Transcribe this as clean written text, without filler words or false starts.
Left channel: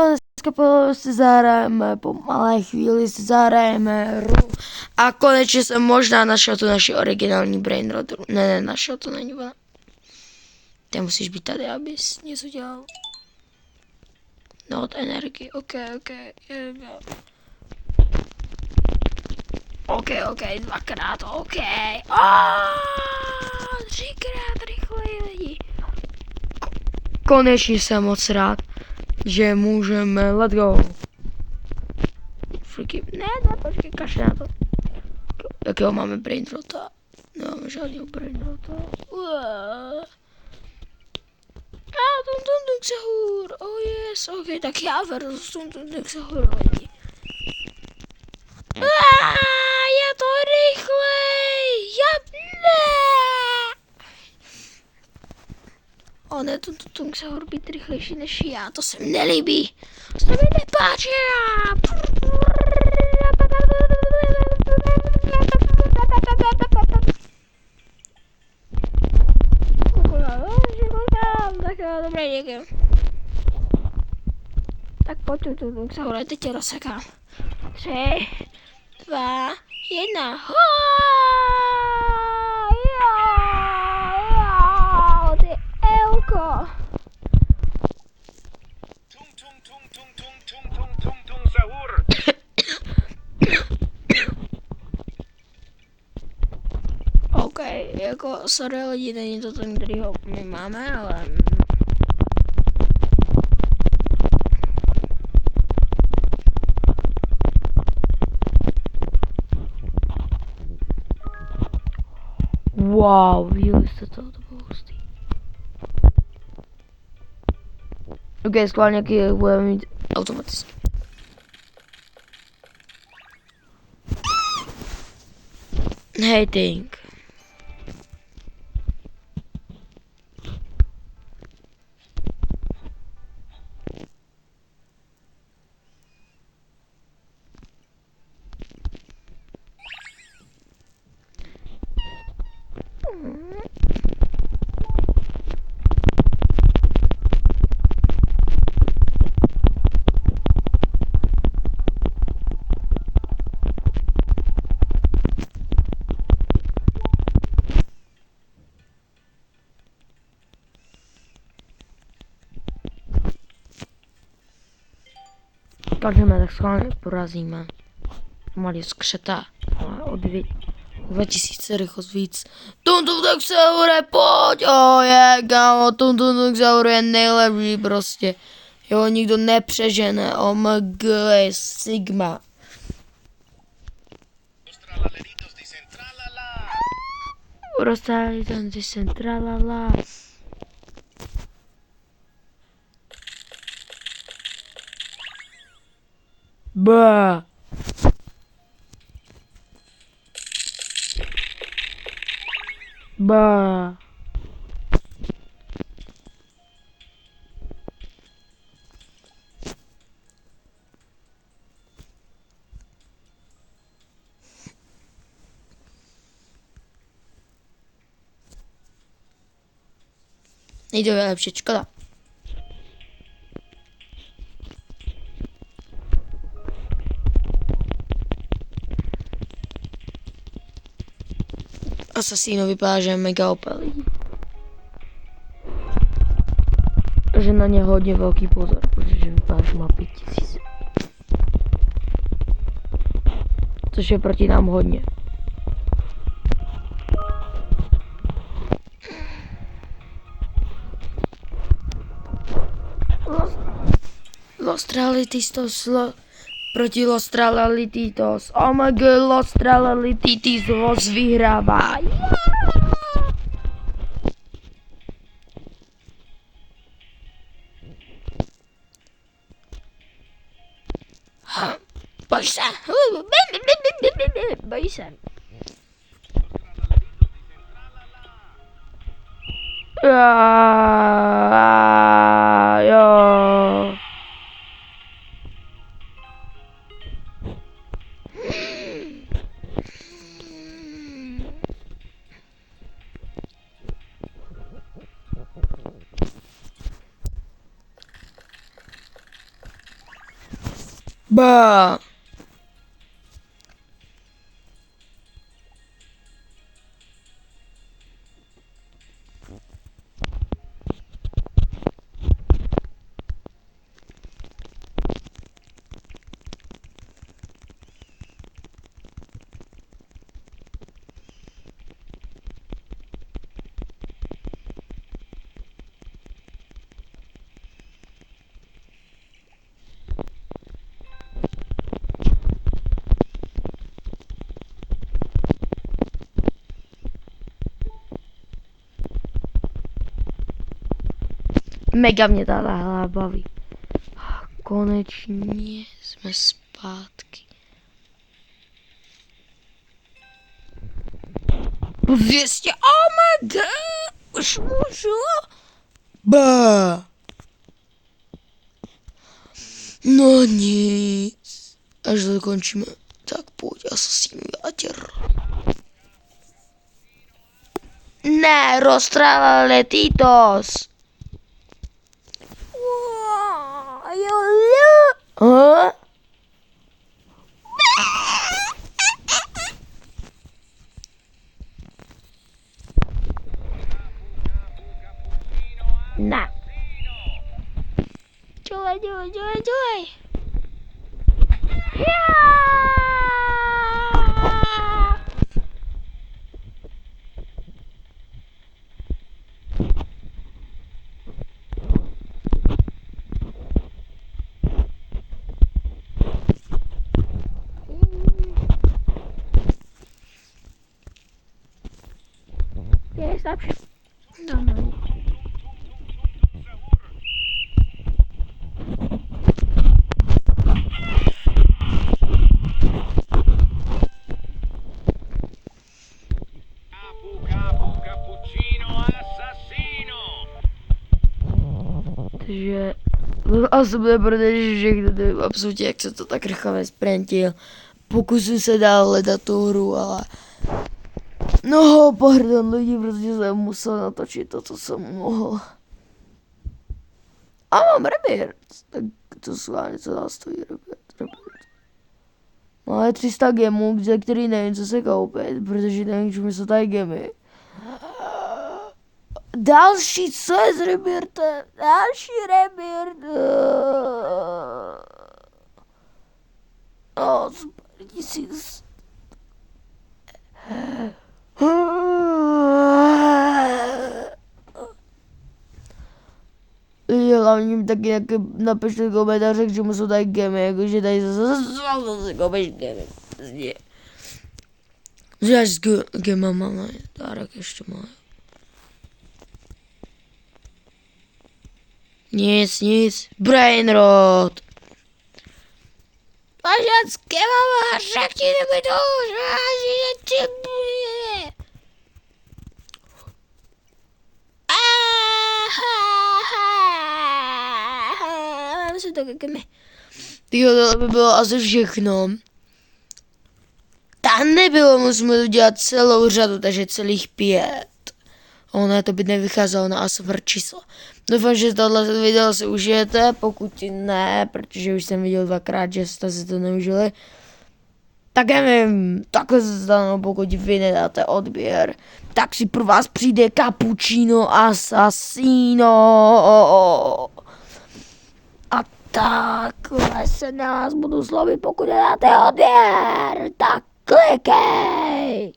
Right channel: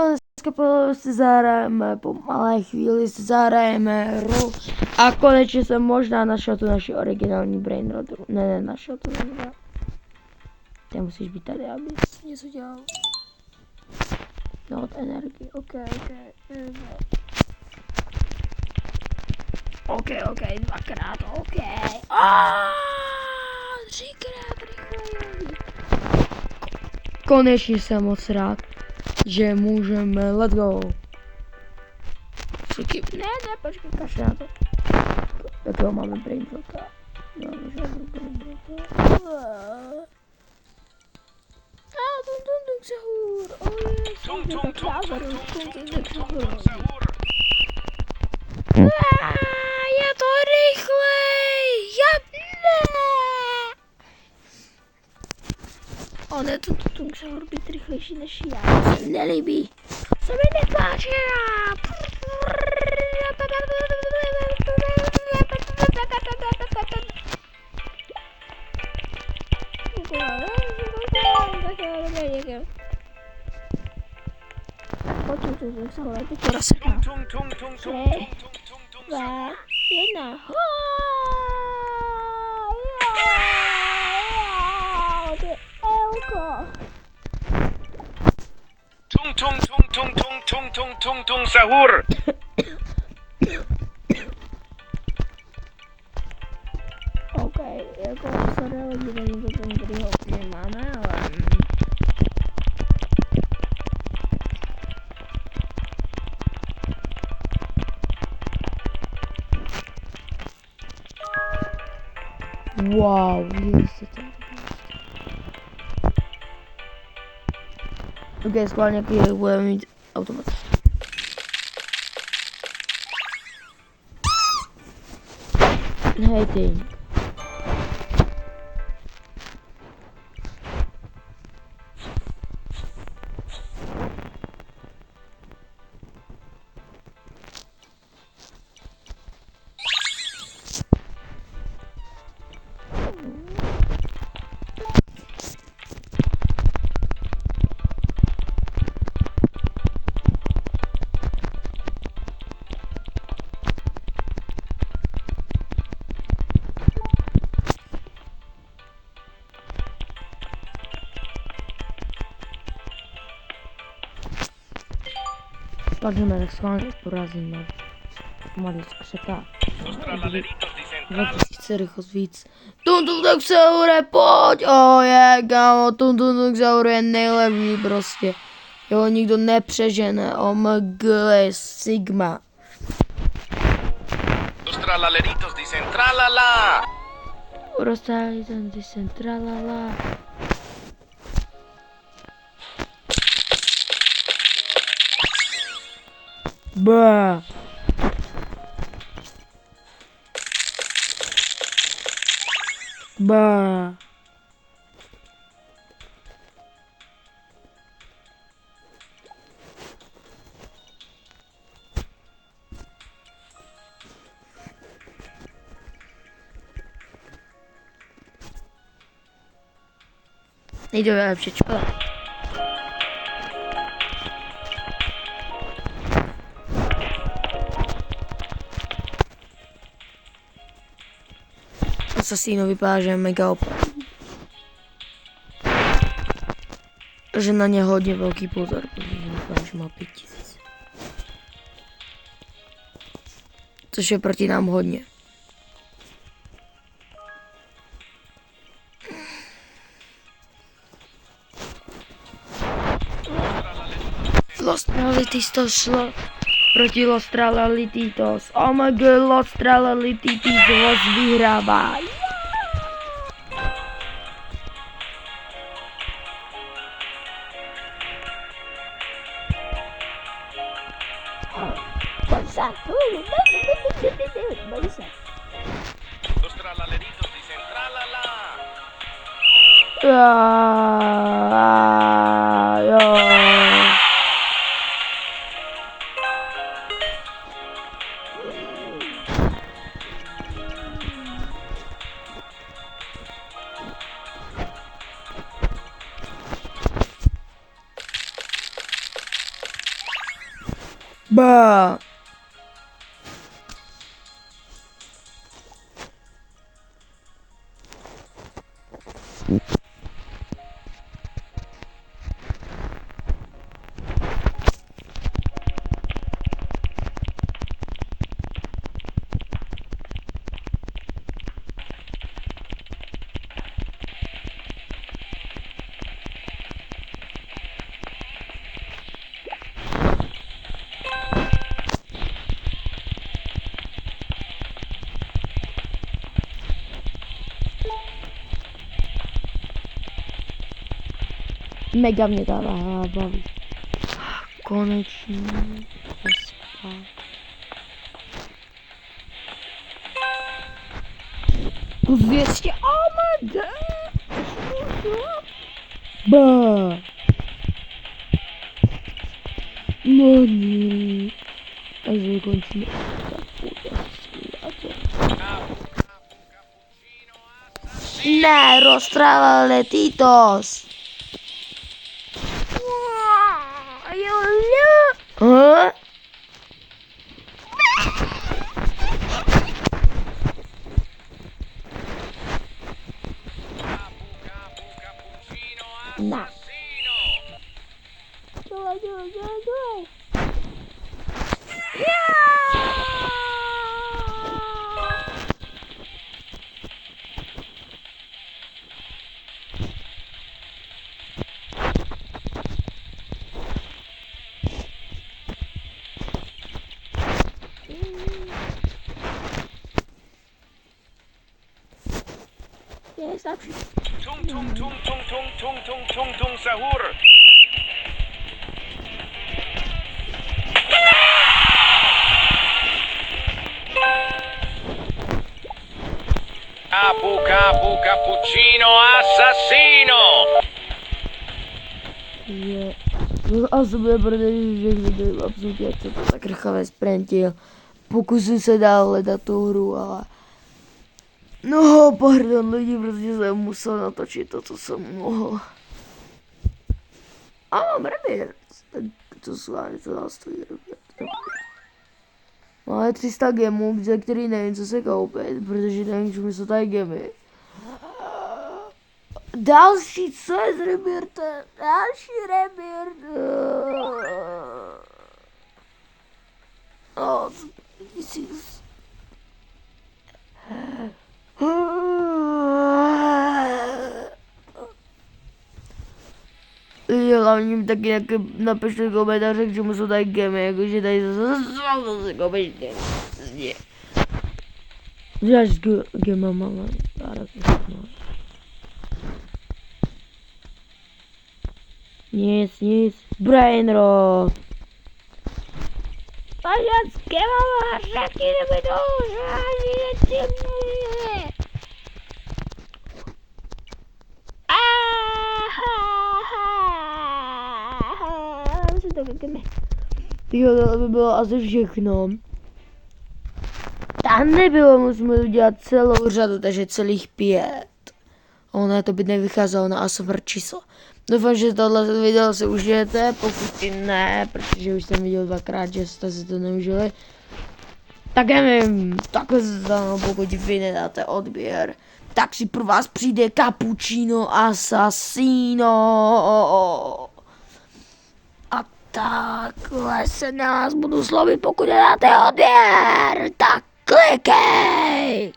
dneska si zahrajeme, po malé chvíli si zahrajeme hru a konečně jsem možná našel tu naši originální brainrot. Ne, našel to není. Ty musíš být tady, abys něco dělal. No od energii, ok. Ok, dvakrát, ok. Třikrát rychleji lidi. Konečně jsem moc rád, že můžeme, let's go. Ne, počkej, kašle na to. Jakého máme brainrota? Nemáme žádného brainrota. Tung sahur, oh yes, ok, tak já vedu tung sahur. Je to rychlej, On je tung sahur být rychlejší než já, to se mi nelíbí. To se mi nepáčí. Dobré, děkuji. Tak pojď tung sahur, teď tě rozsekám. 3, 2, 1. Ty elko. Tung sahur. Ok, jako sorry lidi, není to ten, kterýho my máme, ale... Wow, viděli jste to? Ok, schválně jaký budeme mít automat. Hating. Padneme, tak schválně porazíme. Malý skřeta. 2000 rychlost víc. Tung Sahur, pojď! Kámo, Tung Sahur je nejlepší prostě. Jo, nikdo nepřežene. OMG, Sigma. Los tralaleritos dicen tralala. Rozsáhlý dicen tralala. Bá. Bá. Nejde lepší, škoda. Assassino vypadá, že je mega OP. Že na ně hodně velký pozor, protože vypadá, že má 5000. Což je proti nám hodně. Los Tralalitos proti Los Tralalitos. OMG, Los Tralalitos vyhrává. Boj se. Boj se. Los tralaleritos dicen tralala. Jo. Ba. Mega mě ta hra baví. Konečně jsme zpátky. Po 200, oh my god, už můžu? Ba. No nic. Až dokončíme, tak pojď asi s tím játěr. Ne, roztrala Titos. Huh? Nah. Joy. Yes, option. Tung sahur. Capu cappuccino assassino. Že asi bude, protože všechno to je absolutně, jak se to tak rychle sprintil. Pokusil se dál hledat tu hru, ale no, pardon lidi, protože jsem musel natočit to, co jsem mohl. A mám rebirth, tak to schválně, co dál stojí rebirth. Máme 300 gemů, za který nevím, co se koupit, protože nevím, čemu jsou tady gemy. Další, co je z rebirtem? Další rebirth. Oh, 1000. Hlavně taky napište komentáře, k čemu jsou tady gemy, jakože tady zase koupíš gemy. Zase gema máme, dárek ještě máme. Nic, brainrot. Pořád s gemama, řekni mi to, že ti bude. Si to gemy. Tyjo, to by bylo asi všechno. Tam nebylo, musíme udělat celou řadu, takže celých 5. Ono to by nevycházelo na ASMR číslo. Doufám, že tohle video si užijete, pokud ne, protože už jsem viděl 2krát, že jste si to neužili. Tak nevím, takhle se stane, pokud vy nedáte odběr, tak si pro vás přijde Cappuccino Assassino. A takhle se na vás budu slovit, pokud nedáte odběr, tak klikej!